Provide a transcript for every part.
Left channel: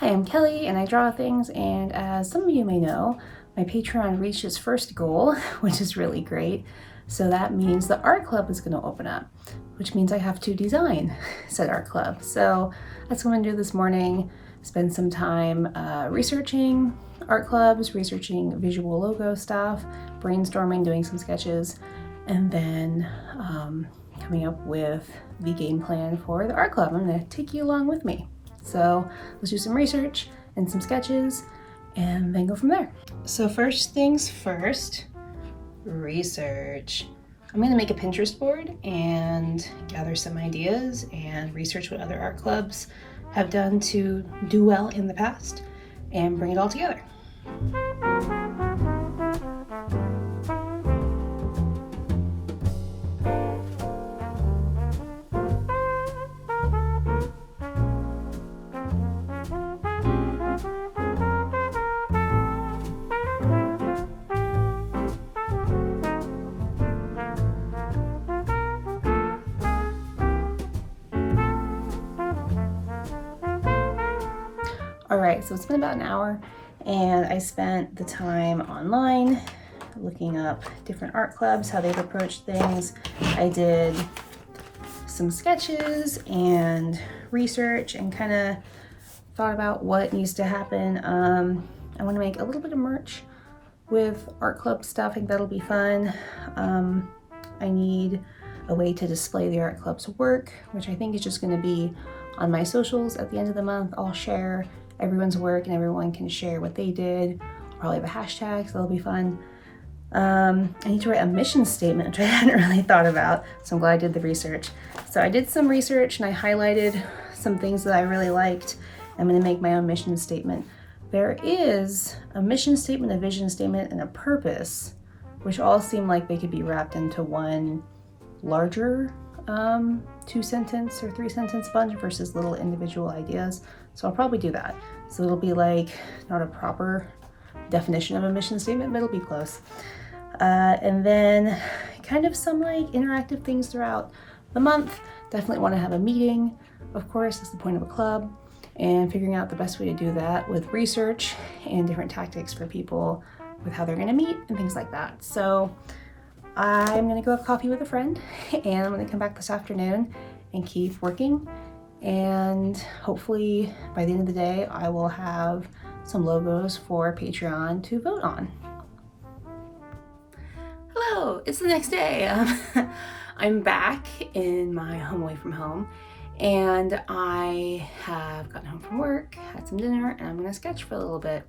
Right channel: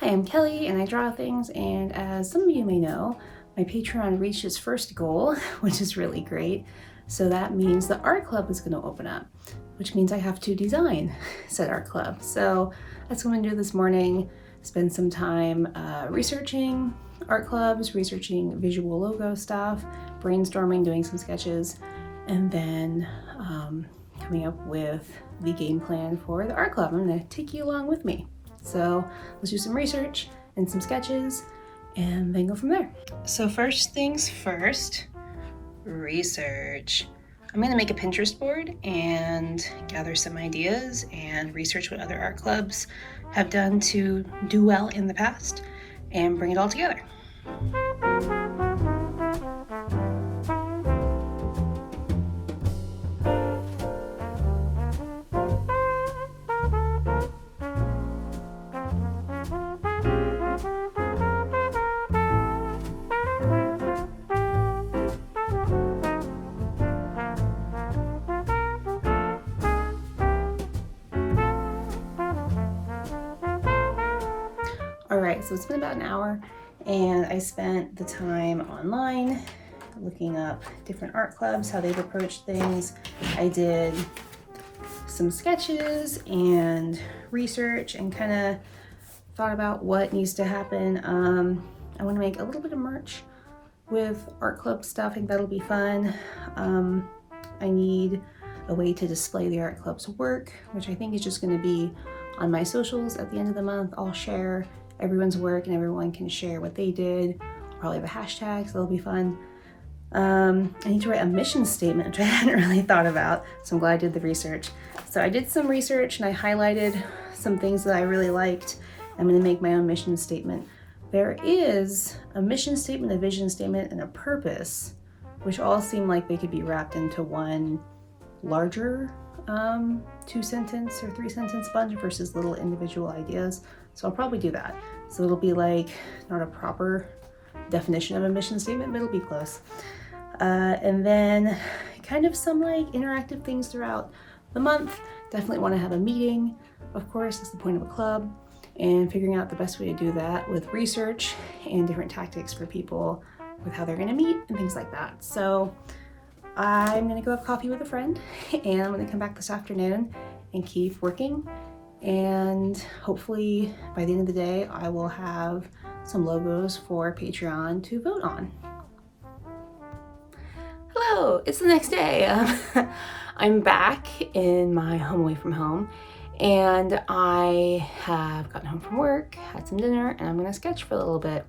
Hi, I'm Kelly and I draw things, and as some of you may know, my Patreon reached its first goal, which is really great. So that means the art club is going to open up, which means I have to design said art club. So that's what I'm going to do this morning, spend some time researching art clubs, researching visual logo stuff, brainstorming, doing some sketches, and then coming up with the game plan for the art club. I'm going to take you along with me. So let's do some research and some sketches and then go from there. So first things first, research. I'm going to make a Pinterest board and gather some ideas and research what other art clubs have done to do well in the past and bring it all together. All right, so it's been about an hour and I spent the time online looking up different art clubs, how they've approached things. I did some sketches and research and kind of thought about what needs to happen. I want to make a little bit of merch with art club stuff. I think that'll be fun. I need a way to display the art club's work, which I think is just going to be on my socials at the end of the month. I'll share everyone's work and everyone can share what they did. I'll probably have a hashtag, so that'll be fun. I need to write a mission statement, which I hadn't really thought about, so I'm glad I did the research. So I did some research and I highlighted some things that I really liked. I'm going to make my own mission statement. There is a mission statement, a vision statement, and a purpose, which all seem like they could be wrapped into one larger 2-sentence or 3-sentence bunch versus little individual ideas. So I'll probably do that. So it'll be like not a proper definition of a mission statement, but it'll be close. And then kind of some like interactive things throughout the month. Definitely want to have a meeting, of course, that's the point of a club, and figuring out the best way to do that with research and different tactics for people with how they're going to meet and things like that. So I'm going to go have coffee with a friend and I'm going to come back this afternoon and keep working. And hopefully by the end of the day, I will have some logos for Patreon to vote on. Hello, it's the next day. I'm back in my home away from home and I have gotten home from work, had some dinner, and I'm going to sketch for a little bit.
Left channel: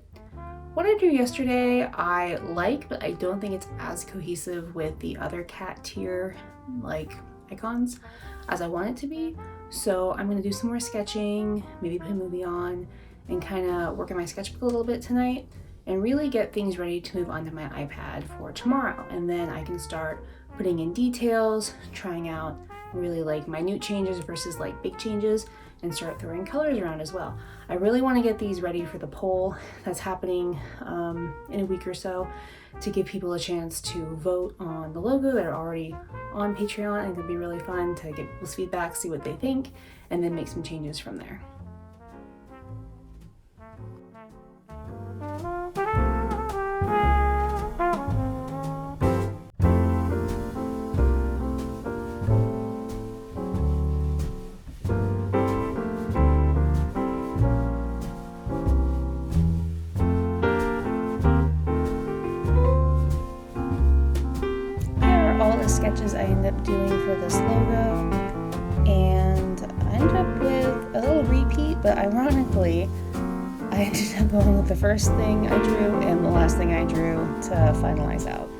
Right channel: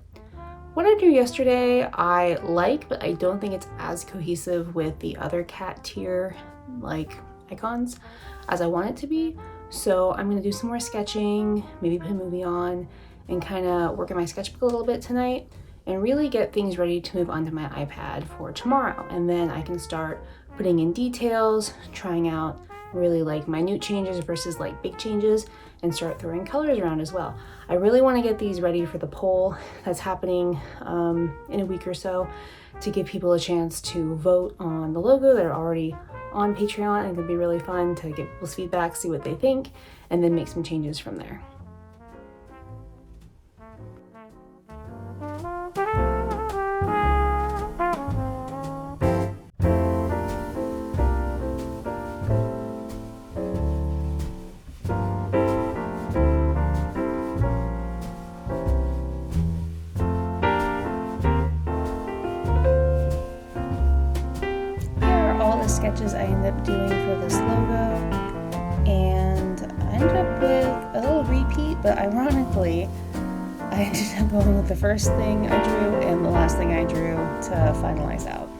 What I drew yesterday I like, but I don't think it's as cohesive with the other cat tier like icons as I want it to be. So I'm gonna do some more sketching, maybe put a movie on, and kind of work on my sketchbook a little bit tonight and really get things ready to move onto my iPad for tomorrow. And then I can start putting in details, trying out really like minute changes versus like big changes, and start throwing colors around as well. I really want to get these ready for the poll that's happening in a week or so to give people a chance to vote on the logo that are already on Patreon. And it could be really fun to get people's feedback, see what they think, and then make some changes from there. All the sketches I ended up doing for this logo, and I ended up with a little repeat, but ironically I ended up going with the first thing I drew and the last thing I drew to finalize out.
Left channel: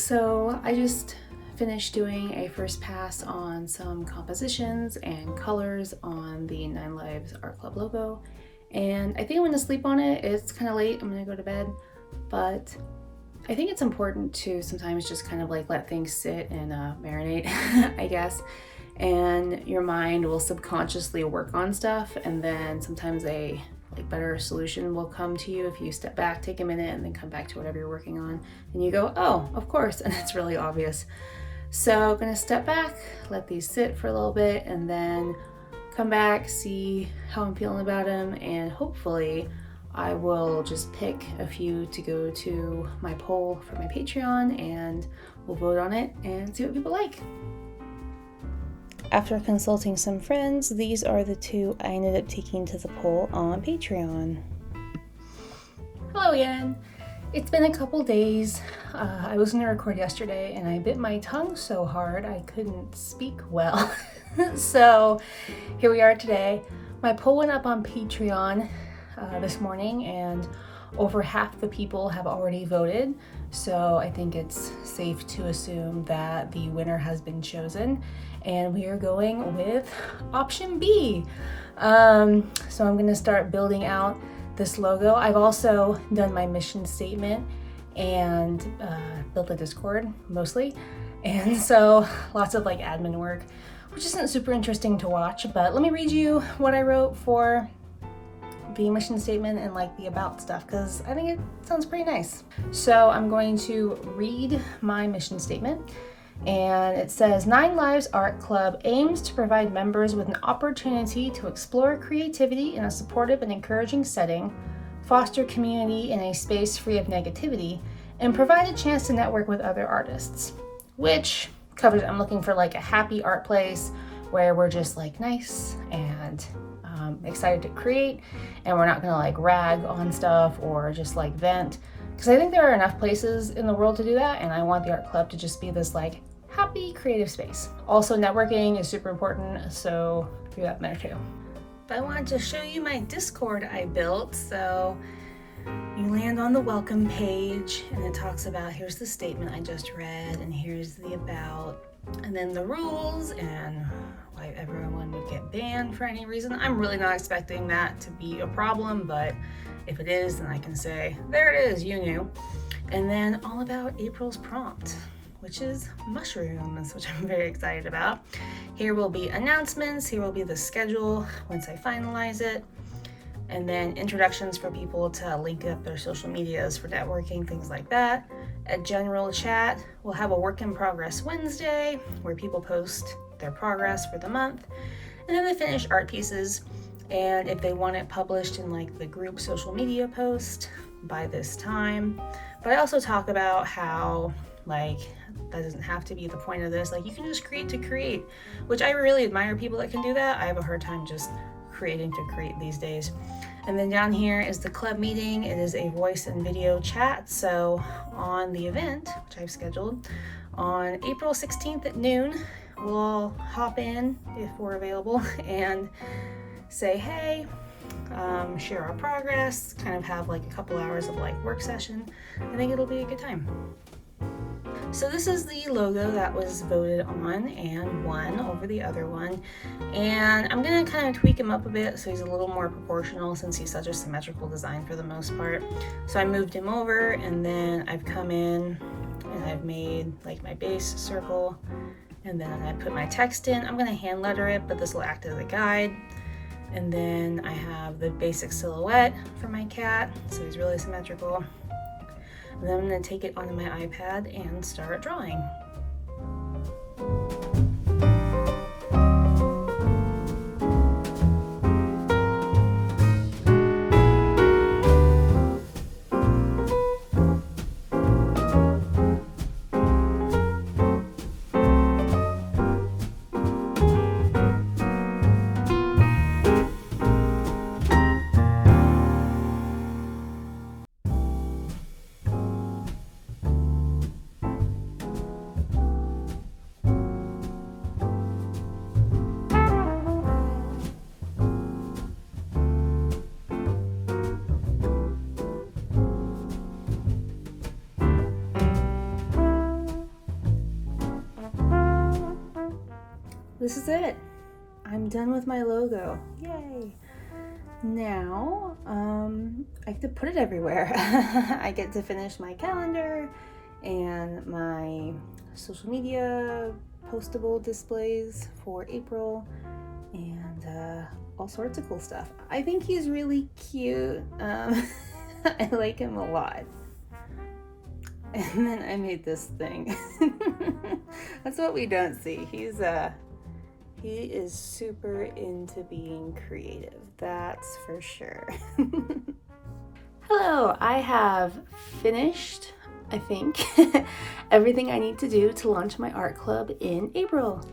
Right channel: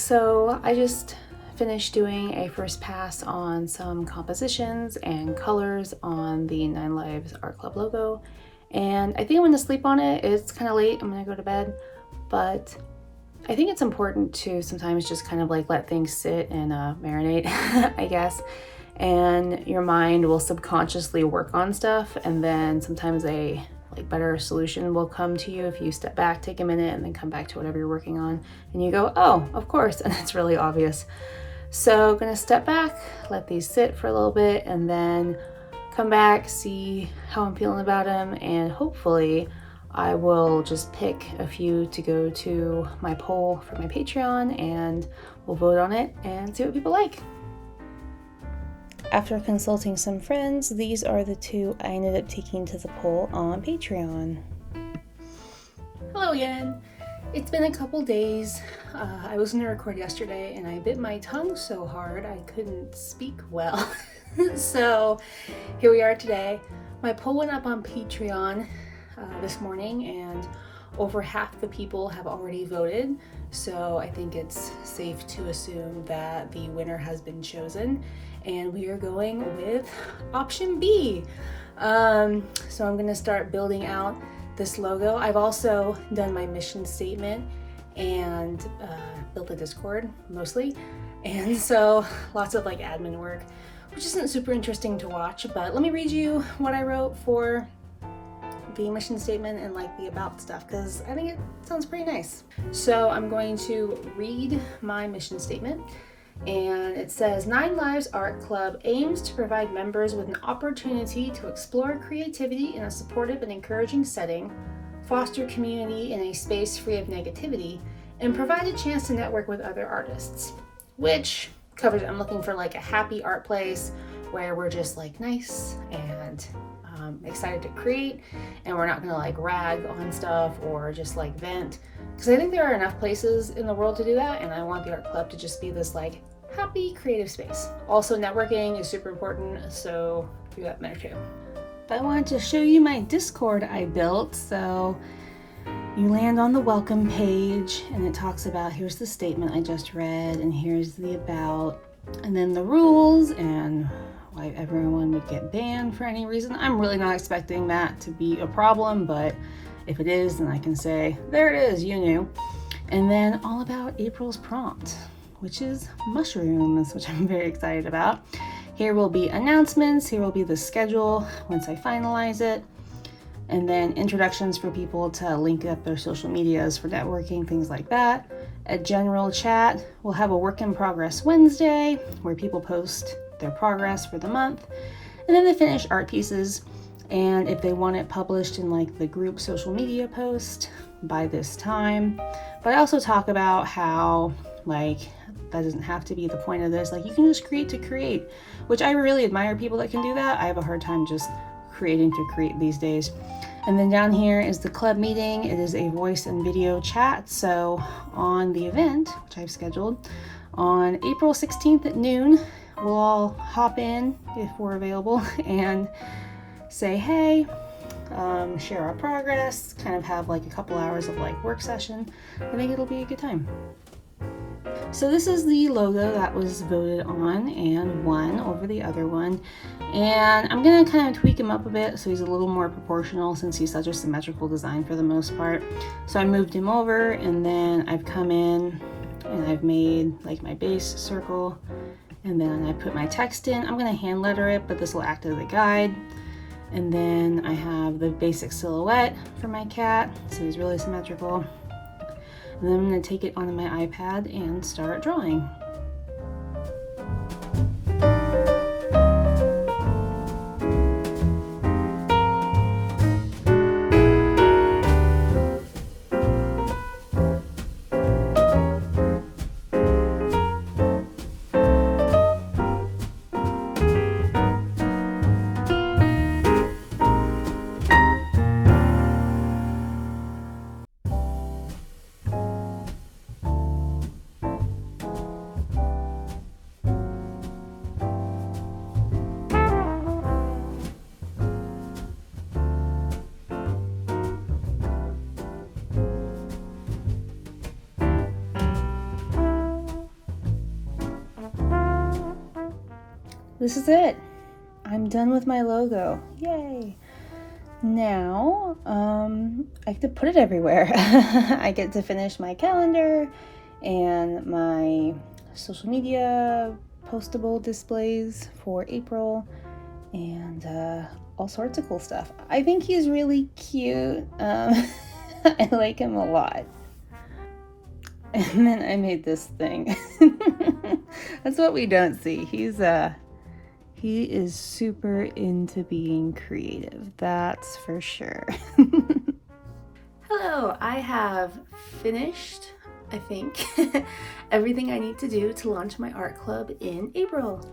So I just finished doing a first pass on some compositions and colors on the Nine Lives Art Club logo, and I think I'm gonna sleep on it. It's kind of late, I'm gonna go to bed, but I think it's important to sometimes just kind of like let things sit and marinate, I guess, and your mind will subconsciously work on stuff, and then sometimes a better solution will come to you if you step back, take a minute, and then come back to whatever you're working on, and you go, oh, of course, and it's really obvious. So I'm gonna step back, let these sit for a little bit, and then come back, see how I'm feeling about them, and hopefully I will just pick a few to go to my poll for my Patreon, and we'll vote on it and see what people like. After consulting some friends, these are the two I ended up taking to the poll on Patreon. Hello again. It's been a couple days. I was going to record yesterday and I bit my tongue so hard I couldn't speak well. So here we are today. My poll went up on Patreon this morning and over half the people have already voted. So I think it's safe to assume that the winner has been chosen. And we are going with option B. So I'm gonna start building out this logo. I've also done my mission statement and built a Discord mostly. And so lots of like admin work, which isn't super interesting to watch, but let me read you what I wrote for the mission statement and like the about stuff, because I think it sounds pretty nice. So I'm going to read my mission statement. And it says, Nine Lives Art Club aims to provide members with an opportunity to explore creativity in a supportive and encouraging setting, foster community in a space free of negativity, and provide a chance to network with other artists. Which covers, I'm looking for like a happy art place where we're just like nice and excited to create, and we're not gonna like rag on stuff or just like vent. Because I think there are enough places in the world to do that, and I want the art club to just be this like happy creative space. Also, networking is super important, so do that there too. But I wanted to show you my Discord I built. So you land on the welcome page and it talks about, here's the statement I just read, and here's the about, and then the rules and why everyone would get banned for any reason. I'm really not expecting that to be a problem, but if it is, then I can say, there it is, you knew. And then all about April's prompt, which is mushrooms, which I'm very excited about. Here will be announcements, here will be the schedule once I finalize it, and then introductions for people to link up their social medias for networking, things like that. A general chat. We'll have a work in progress Wednesday where people post their progress for the month, and then the finished art pieces, and if they want it published in like the group social media post by this time. But I also talk about how like that doesn't have to be the point of this, like you can just create to create, which I really admire people that can do that. I have a hard time just creating to create these days. And then down here is the club meeting. It is a voice and video chat. So on the event, which I've scheduled on April 16th at noon, we'll all hop in if we're available and say hey, share our progress, kind of have like a couple hours of like work session. I think it'll be a good time. So this is the logo that was voted on and won over the other one, and I'm gonna kind of tweak him up a bit so he's a little more proportional since he's such a symmetrical design for the most part. So I moved him over, and then I've come in and I've made like my base circle, and then I put my text in. I'm gonna hand letter it, but this will act as a guide. And then I have the basic silhouette for my cat, so he's really symmetrical. And then I'm going to take it onto my iPad and start drawing. this is it. I'm done with my logo. Yay! Now, I get to put it everywhere. I get to finish my calendar and my social media postable displays for April and all sorts of cool stuff. I think he's really cute. I like him a lot. And then I made this thing. That's what we don't see. He is super into being creative, that's for sure. Hello, I have finished, I think, everything I need to do to launch my art club in April.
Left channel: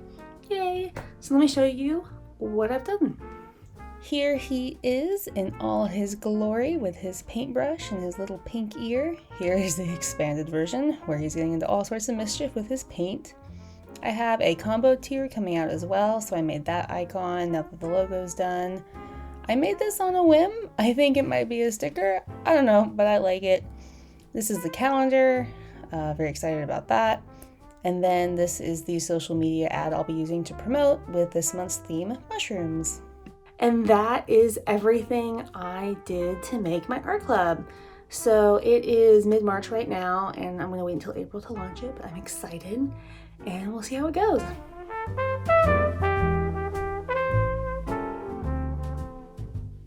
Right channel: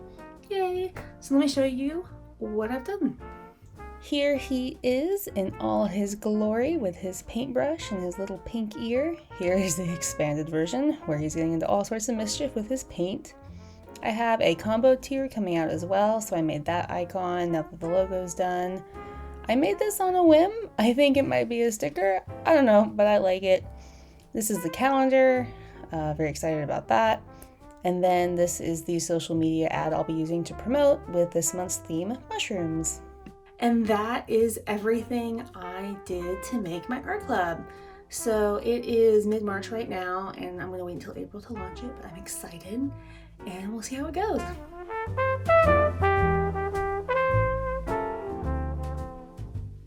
Yay! So let me show you what I've done. Here he is in all his glory with his paintbrush and his little pink ear. Here is the expanded version where he's getting into all sorts of mischief with his paint. I have a combo tier coming out as well, so I made that icon now that the logo's done. I made this on a whim. I think it might be a sticker. I don't know, but I like it. This is the calendar. Very excited about that. And then this is the social media ad I'll be using to promote with this month's theme, mushrooms. And that is everything I did to make my art club. So it is mid-March right now, and I'm going to wait until April to launch it, but I'm excited. And we'll see how it goes.